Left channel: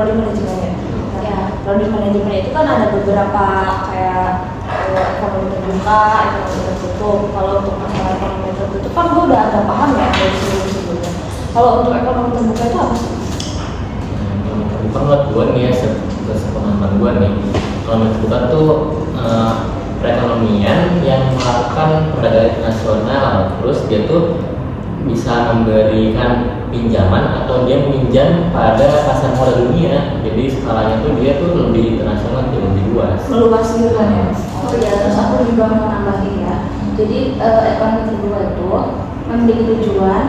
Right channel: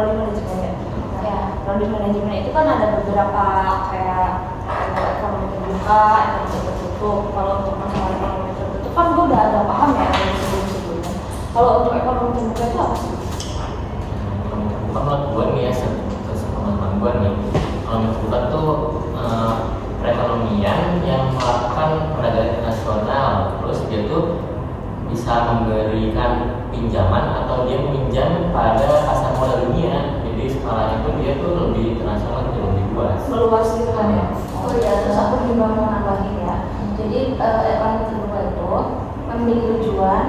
prodi manajemen. Ya, prodi manajemen itu kan ada beberapa kayak ekonomi terbuka, ekonomi tertutup. Kalau untuk masalah ekonomi tertutup kan gue udah agak paham ya dari sebelum-sebelumnya. Kalau untuk ekonomi terbuka itu apa sih? Ekonomi terbuka menurut gue nih ya, sepemahaman gue nih, ekonomi terbuka tuh perekonomian yang melakukan perdagangan internasional, terus dia tuh bisa memberikan pinjaman atau dia pinjam pada pasar modal dunia. Jadi skalanya tuh dia tuh lebih internasional, tuh lebih luas. Meluas juga ya. Oh iya, terus aku juga mau nambahin ya. Jadi ekonomi terbuka itu memiliki tujuan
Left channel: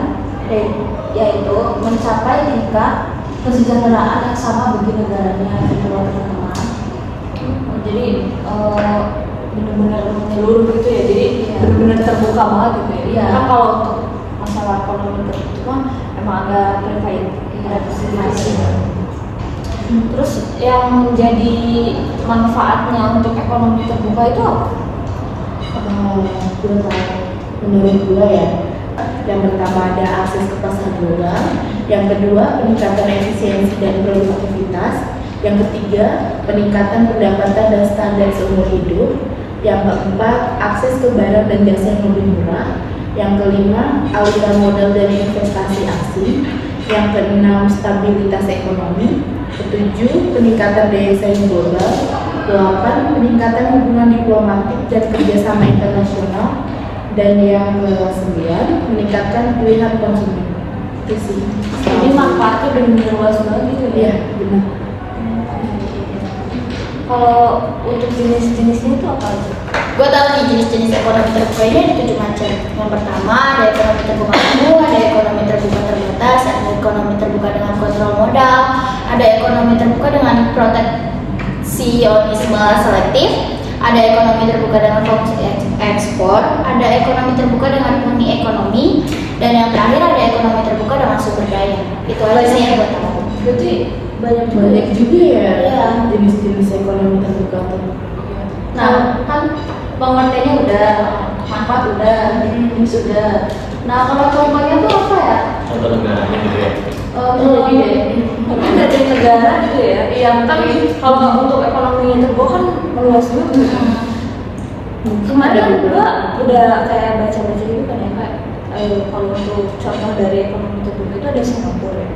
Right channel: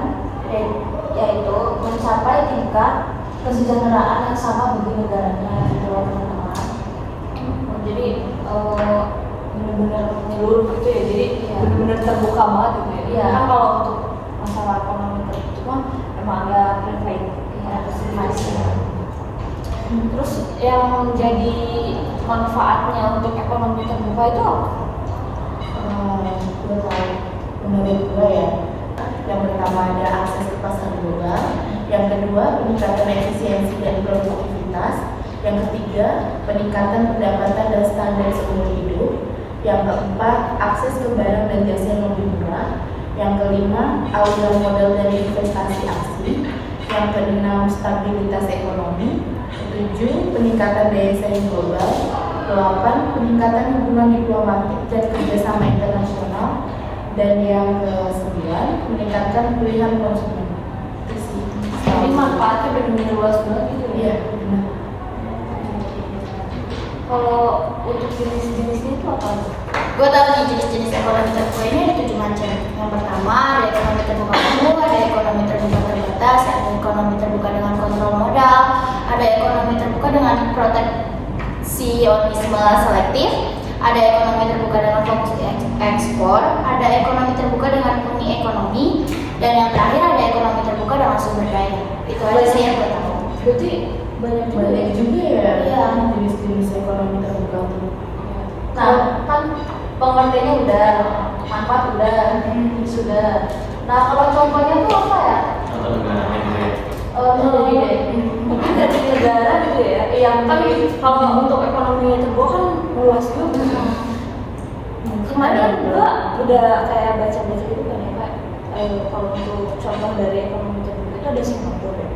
yaitu mencapai tingkat kesejahteraan yang sama bagi negaranya gitu loh teman-teman. Jadi benar-benar menyeluruh gitu ya. Jadi benar-benar terbuka banget gitu ya. Iya. Kan kalau untuk masalah ekonomi tertutup kan emang agak privat, tidak masing-masing. Terus yang menjadi manfaatnya untuk ekonomi terbuka itu apa? Menurut gue ya, yang pertama ada akses ke pasar global, yang kedua peningkatan efisiensi dan produktivitas, yang ketiga peningkatan pendapatan dan standar seumur hidup, yang keempat akses ke barang dan jasa yang lebih murah, yang kelima aliran modal dan investasi asing, yang keenam stabilitas ekonomi, ketujuh peningkatan daya saing global, 8 peningkatan hubungan diplomatik dan kerjasama internasional, dan yang ke-9 meningkatkan pilihan konsumen. Itu sih. Jadi manfaatnya benar-benar luas banget gitu ya. Iya, benar. Kalau untuk jenis-jenisnya itu apa aja? Gue tahu nih jenis-jenis ekonomi terbuka ini ada 7 macam. Yang pertama ada ekonomi terbuka umum, ada ekonomi terbuka terbatas, ada ekonomi terbuka dengan kontrol modal, ada ekonomi terbuka dengan proteksionisme selektif, ada ekonomi terbuka dengan fokus ekspor, ada ekonomi terbuka dengan murni ekonomi, dan yang terakhir ada ekonomi terbuka dengan sumber daya. Itu aja sih yang gue tahu. Berarti Banyak juga ya jenis-jenis ekonomi terbuka tuh. Nah, kan pengertiannya udah, manfaat udah, jenis udah. Nah, kalau contohnya tuh apa ya? Contoh negaranya gitu ya. Mungkin dari negara gitu ya. Yang kan kalau untuk ekonomi terbuka kan luas juga. Mungkin Ada ada juga udah kayak baca-baca gitu kan ya Kak. Kalau untuk contoh dari ekonomi terbuka itu ada Singapura.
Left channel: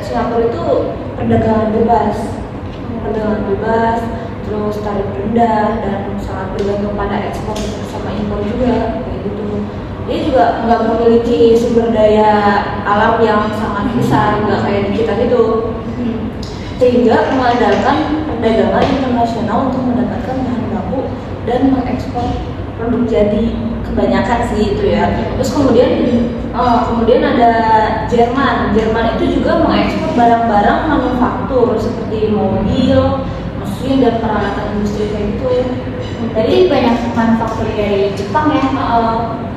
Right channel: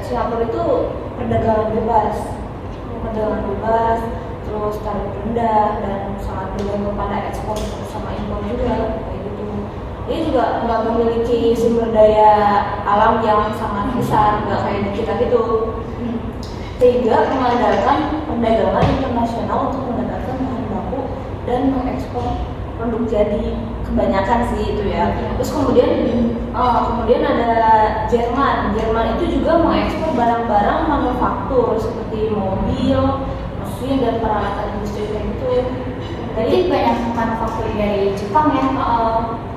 Singapura itu perdagangan bebas, terus tarif rendah dan sangat bergantung pada ekspor sama impor juga, kayak gitu. Dia juga nggak memiliki sumber daya alam yang sangat besar, nggak kayak di kita gitu. Sehingga mengandalkan perdagangan internasional untuk mendapatkan bahan baku dan mengekspor produk jadi kebanyakan sih itu ya. Terus kemudian ada Jerman itu juga mengekspor barang-barang manufaktur seperti mobil, mesin dan peralatan industri kayak gitu. Tadi banyak manufaktur dari Jepang ya.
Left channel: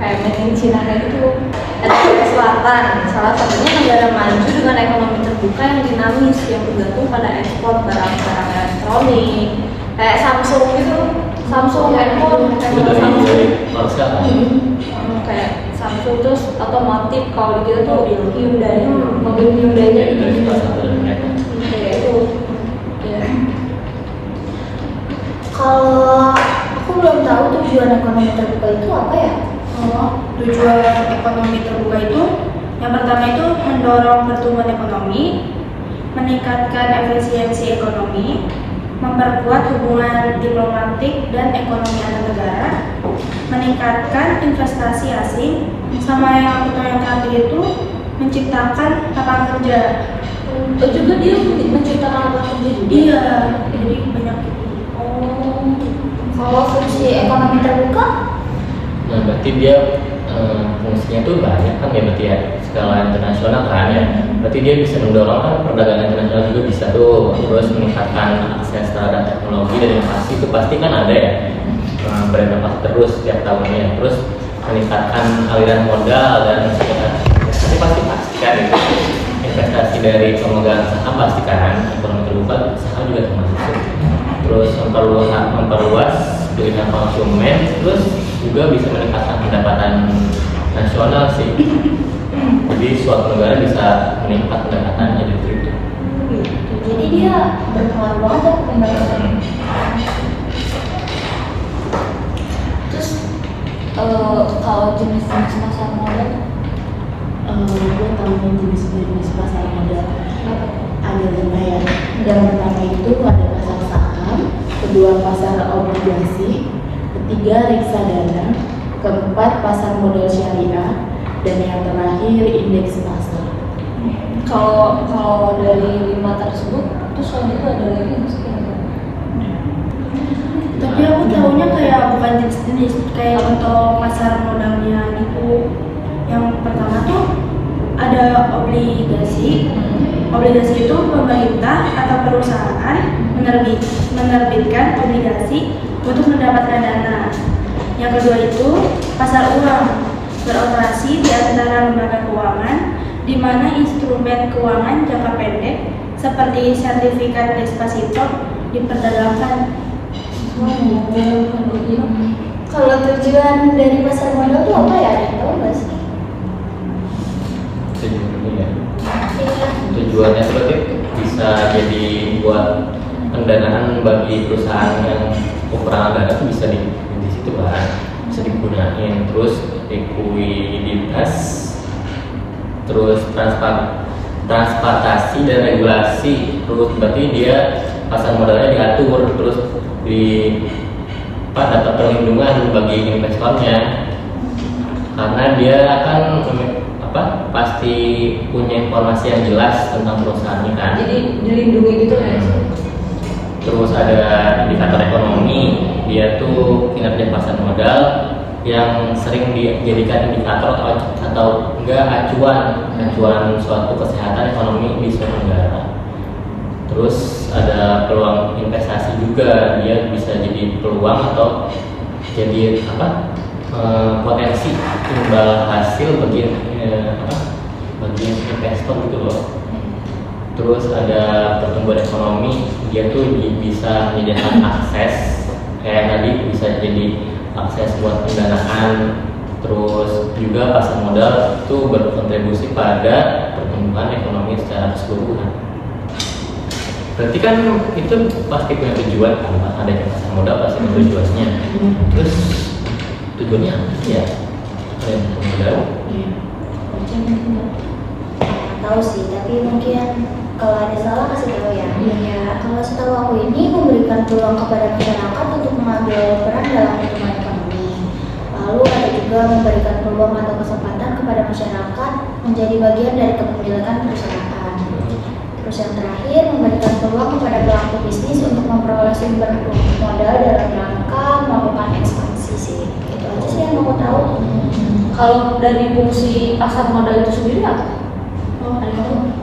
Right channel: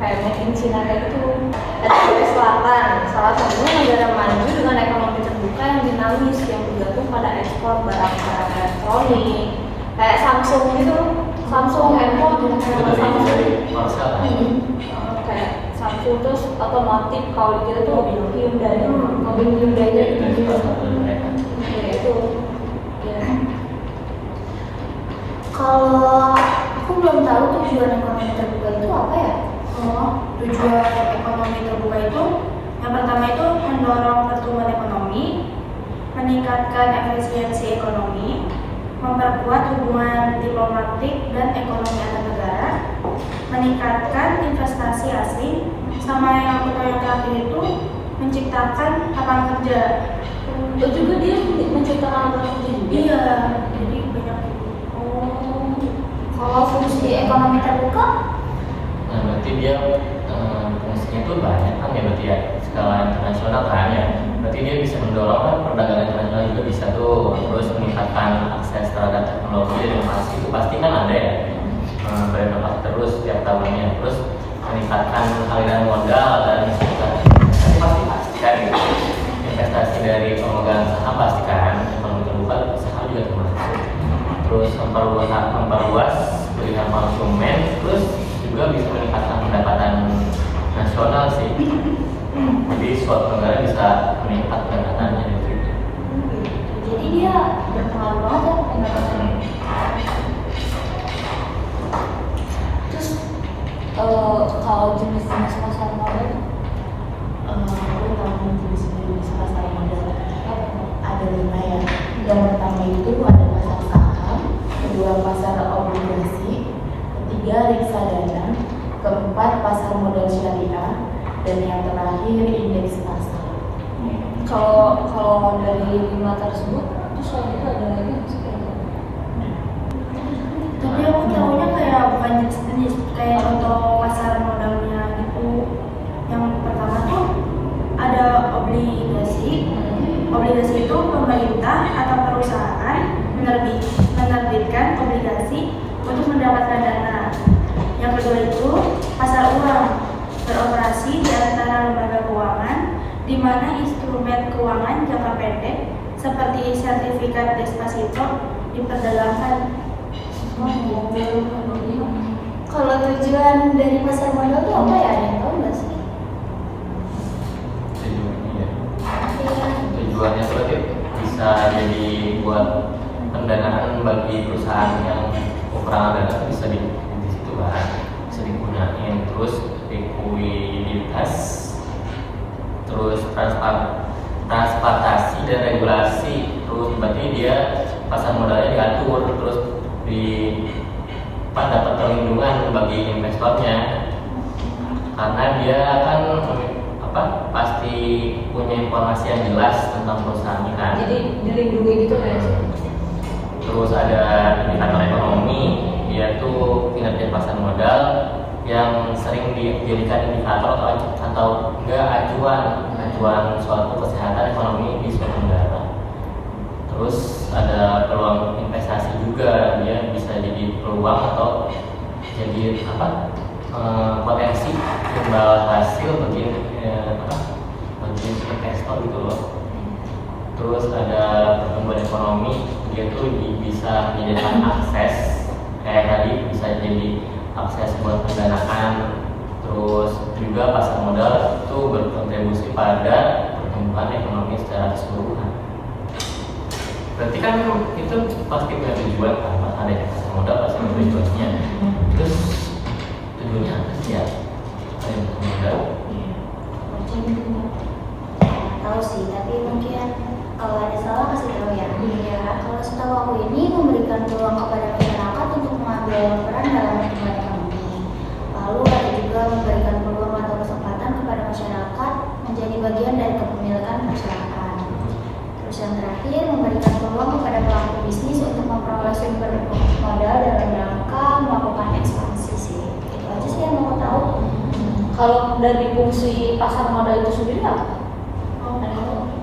Kayak made in China kayak gitu. Ada Korea Selatan ini negara maju dengan ekonomi terbuka yang dinamis yang bergantung pada ekspor barang-barang elektronik kayak Samsung gitu. Samsung handphone Itu dari Korsel kan? kayak Samsung, terus otomotif kalau kita tuh Hyundai, mobil Hyundai Ya, itu dari salah satu dari mereka. kayak itu. Ya. Kalau aku belum tahu tujuan ekonomi terbuka itu apa ya? Tujuan ekonomi terbuka itu yang pertama itu mendorong pertumbuhan ekonomi, meningkatkan efisiensi ekonomi, memperkuat hubungan diplomatik dan ekonomi antar negara, meningkatkan investasi asing, sama yang terakhir itu menciptakan lapangan kerja. Juga dia menciptakan lapangan kerja juga. Iya, jadi banyak. Kalau fungsi ekonomi terbuka, Nah, berarti dia fungsinya tuh banyak kan ya, berarti ya skala internasional kan ya. Berarti dia bisa mendorong kan perdagangan internasional juga bisa tuh, terus meningkatkan akses terhadap teknologi dan inovasi itu pasti kan ada ya, berinovasi terus setiap tahunnya, terus meningkatkan aliran modal dan investasi pasti kan itu. Investasi dari pemegang saham pasti kan, ekonomi terbuka saham juga termasuk. Terus memperluas pilihan konsumen, terus juga bisa meningkatkan pendapatan nasional sih. Jadi suatu negara bisa meningkat pendapatannya dari itu. jadi dia berpengaruh banget ya peningkatan. Terus kalau jenis-jenis pasar modal Gue tahu jenis-jenis pasar modal ada 5 ya. Yang pertama itu ada pasar saham, kedua pasar obligasi, ketiga reksadana, keempat pasar modal syariah, dan yang terakhir indeks pasar. kalau dari 5 tersebut terus selanjutnya ada lagi nggak sih? Tapi aku tahunya kayak bukan jenis kayak contoh pasar modalnya gitu. Yang pertama tuh ada obligasi. Obligasi itu pemerintah atau perusahaan menerbitkan obligasi untuk mendapatkan dana. Yang kedua itu pasar uang, beroperasi di antara lembaga keuangan di mana instrumen keuangan jangka pendek seperti sertifikat deposito diperdagangkan. Kalau tujuan dari pasar modal itu apa ya? Ada yang tahu nggak sih? Tujuannya ya. Tujuannya seperti bisa jadi buat pendanaan bagi perusahaan yang kekurangan dana itu bisa di situ kan, bisa digunain. Terus likuiditas, terus transportasi dan regulasi. Terus berarti dia pasar modalnya diatur, terus dapat perlindungan bagi investornya karena dia akan pasti punya informasi yang jelas tentang perusahaannya kan. Jadi dilindungi gitu ya. Terus ada indikator ekonomi, dia tuh kinerja pasar modal yang sering dijadikan indikator atau enggak acuan suatu kesehatan ekonomi di suatu negara. Terus ada peluang investasi juga, dia bisa jadi peluang atau jadi potensi imbal hasil bagi investor gitu loh. Terus ada pertumbuhan ekonomi, dia tuh bisa menyediakan akses kayak tadi bisa jadi akses buat pendanaan. Terus juga pasar modal itu berkontribusi pada pertumbuhan ekonomi secara keseluruhan. Berarti kan itu pasti punya tujuan kan, adanya pasar modal pasti punya tujuannya. Terus tujuannya apa sih ya? Ada yang modal? Tahu sih, tapi mungkin kalau ada salah kasih tahu ya. Ya, kalau setahu aku ini memberikan peluang kepada masyarakat untuk mengambil peran dalam pertumbuhan ekonomi. Lalu ada juga memberikan peluang atau kesempatan kepada masyarakat menjadi bagian dari kepemilikan perusahaan. Terus yang terakhir memberikan peluang kepada pelaku bisnis untuk memperoleh sumber modal dalam rangka melakukan ekspansi sih. Itu aja sih yang mau tahu. Kalau dari fungsi pasar modal itu sendiri apa?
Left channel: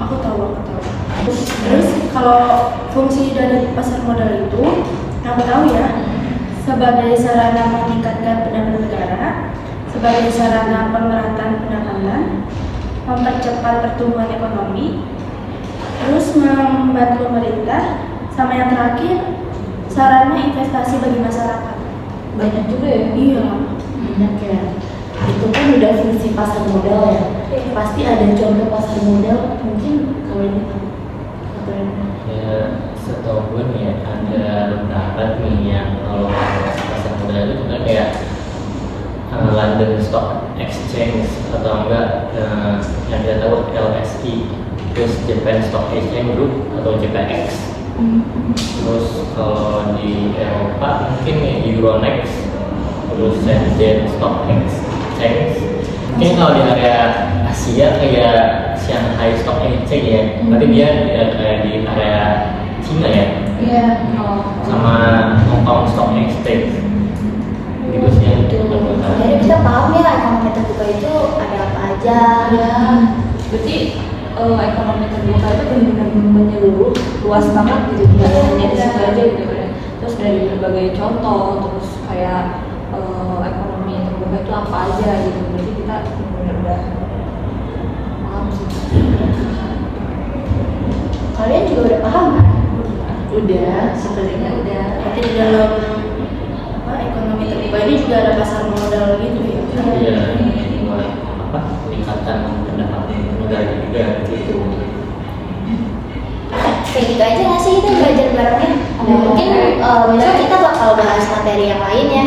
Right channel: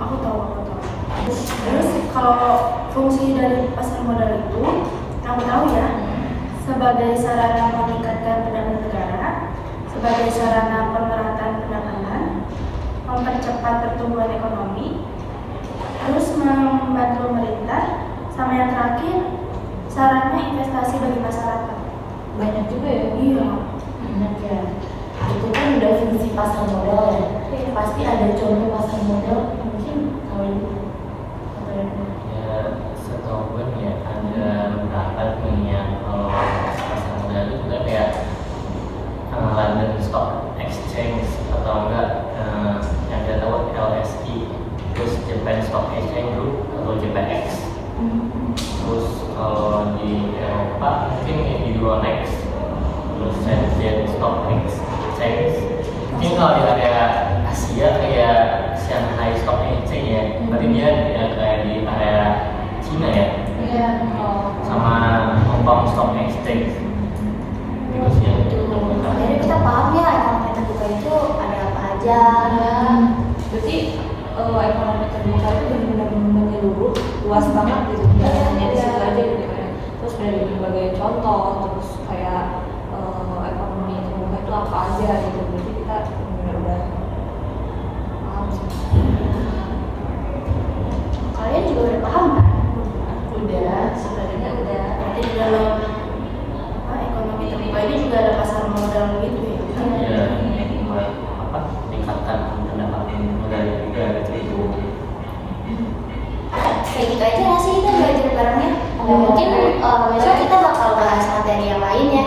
Aku tahu. Terus kalau fungsi dari pasar modal itu, aku tahu ya, sebagai sarana meningkatkan pendapatan negara, sebagai sarana pemerataan pendapatan, mempercepat pertumbuhan ekonomi, terus membantu pemerintah, sama yang terakhir sarana investasi bagi masyarakat. Banyak juga ya. Iya. Banyak ya. Itu kan udah fungsi pasar modal ya. Pasti ada contoh pasar modal, mungkin kalau ini Ya, setahu gue nih ya, ada beberapa nih yang kalau pasar modal itu sebenarnya kayak London Stock Exchange atau enggak yang kita tahu LSE, terus Japan Stock Exchange Group atau JPX. Terus kalau di Eropa mungkin ya Euronext, terus Shenzhen Stock Exchange. Mungkin kalau di area Asia kayak Shanghai Stock Exchange ya, tapi dia kayak di area Cina ya. Iya. Sama Hong Kong Stock Exchange. Gitu sih yang aku tahu. Jadi kita paham ya ekonomi terbuka itu ada apa aja. Ya, berarti ekonomi terbuka itu benar-benar menyeluruh, luas banget gitu, bukan hanya di situ aja gitu ya. Terus dari berbagai contoh, terus kayak ekonomi terbuka itu apa aja gitu. Berarti kita benar-benar paham sih. Kalian juga udah paham kan? udah sebenarnya udah. Tapi di dalam ekonomi terbuka ini juga ada pasar modal gitu ya. Iya, peningkatan pendapatan negara juga gitu. Kayak gitu aja sih nggak sih ini belajar barengnya. Mungkin besok kita bakal bahas materi yang lain ya.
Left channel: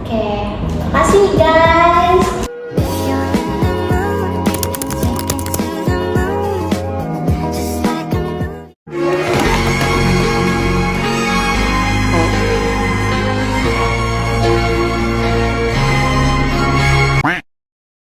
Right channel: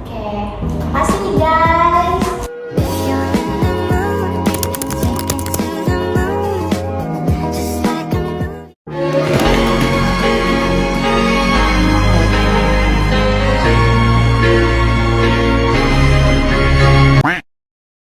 Oke, makasih nih guys.